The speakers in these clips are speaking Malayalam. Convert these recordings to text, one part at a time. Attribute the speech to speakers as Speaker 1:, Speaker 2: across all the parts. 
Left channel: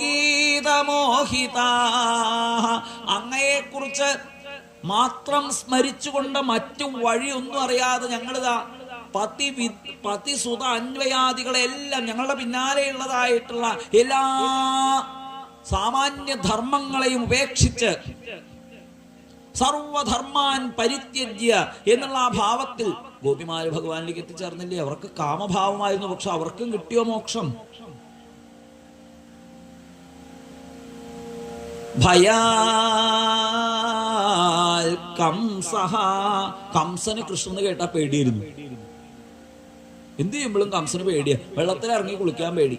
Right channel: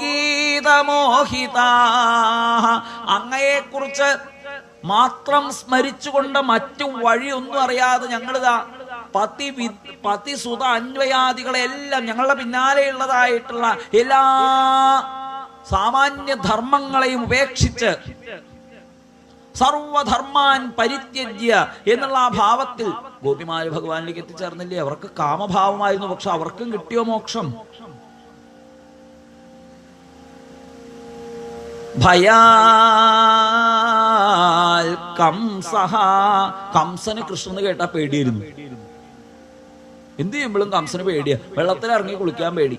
Speaker 1: ഗീതമോഹിത അങ്ങയെക്കുറിച്ച് മാത്രം സ്മരിച്ചുകൊണ്ട് മറ്റു വഴിയൊന്നും അറിയാതെ ഞങ്ങളിതാ പതി വി- പതിസുത അന്വയാദികളെല്ലാം ഞങ്ങളുടെ പിന്നാലെയുള്ളതായിട്ടുള്ള എല്ലാ സാമാന്യ ധർമ്മങ്ങളെയും ഉപേക്ഷിച്ച് സർവധർമാൻ പരിത്യജ്യ എന്നുള്ള ആ ഭാവത്തിൽ ഗോപിമാര് ഭഗവാനിലേക്ക് എത്തിച്ചേർന്നില്ലേ? അവർക്ക് കാമഭാവമായിരുന്നു പക്ഷെ അവർക്കും കിട്ടിയോ മോക്ഷം? ഭയാൽ കംസഹ. കംസന് കൃഷ്ണന് കേട്ടാ പേടിയിരുന്നു എന്ത് ചെയ്യുമ്പോഴും കംസന് പേടിയാ. വെള്ളത്തിൽ ഇറങ്ങി കുളിക്കാൻ പേടി.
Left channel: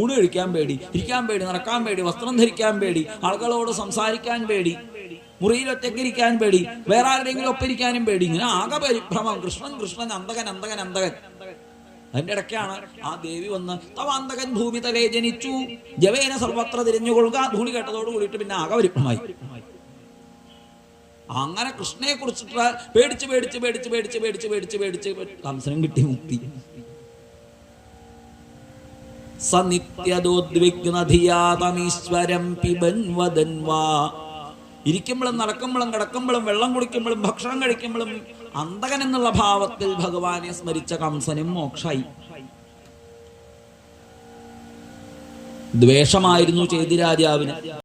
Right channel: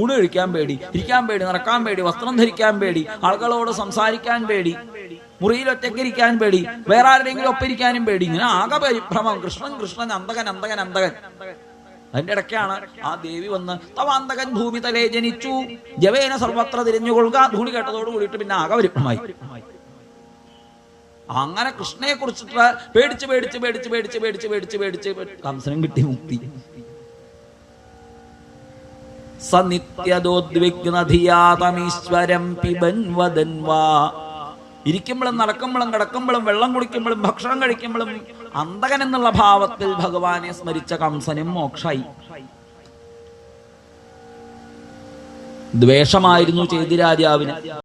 Speaker 1: ഊണ് കഴിക്കാൻ പേടി ഇരിക്കാൻ പേടി നടക്കാൻ പേടി വസ്ത്രം ധരിക്കാൻ പേടി ആളുകളോട് സംസാരിക്കാൻ പേടി മുറിയിൽ ഒറ്റയ്ക്കിരിക്കാൻ പേടി വേറെ ആരുടെയെങ്കിലും ഒപ്പിരിക്കാനും പേടി. ഇങ്ങനെ ആകെ പരിഭ്രമം. കൃഷ്ണൻ കൃഷ്ണൻ അന്തകൻ അന്തകൻ അന്തകൻ അതിന്റെ ഇടയ്ക്കാണ് ആ ദേവി വന്ന് തവാന്തകൻ ഭൂമി തലേ ജനിച്ചു. ജവേന സർവത്ര തിരിഞ്ഞുകൊള്ളുക. ധൂളി കേട്ടതോട് കൂടിയിട്ട് പിന്നെ ആകെ പരിഭ്രമായി അങ്ങനെ കൃഷ്ണനെ കുറിച്ചിട്ട് പേടിച്ച് പേടിച്ച് പേടിച്ച് പേടിച്ച് പേടിച്ച് പേടിച്ച് പേടിച്ച് കംസനം കിട്ടി മുക്തി. സനിത്യദോദ്വിഗ്നധിയാതമീശ്വരം പിബൻ വദൻ വാ ഇരിക്കുമ്പോഴും നടക്കുമ്പോഴും കിടക്കുമ്പോഴും വെള്ളം കുടിക്കുമ്പോഴും ഭക്ഷണം കഴിക്കുമ്പോഴും അന്തകൻ എന്നുള്ള ഭാവത്തിൽ ഭഗവാനെ സ്മരിച്ച കംസനും മോക്ഷായി. ദ്വേഷമായിരുന്നു ചേതിരാജാവിന്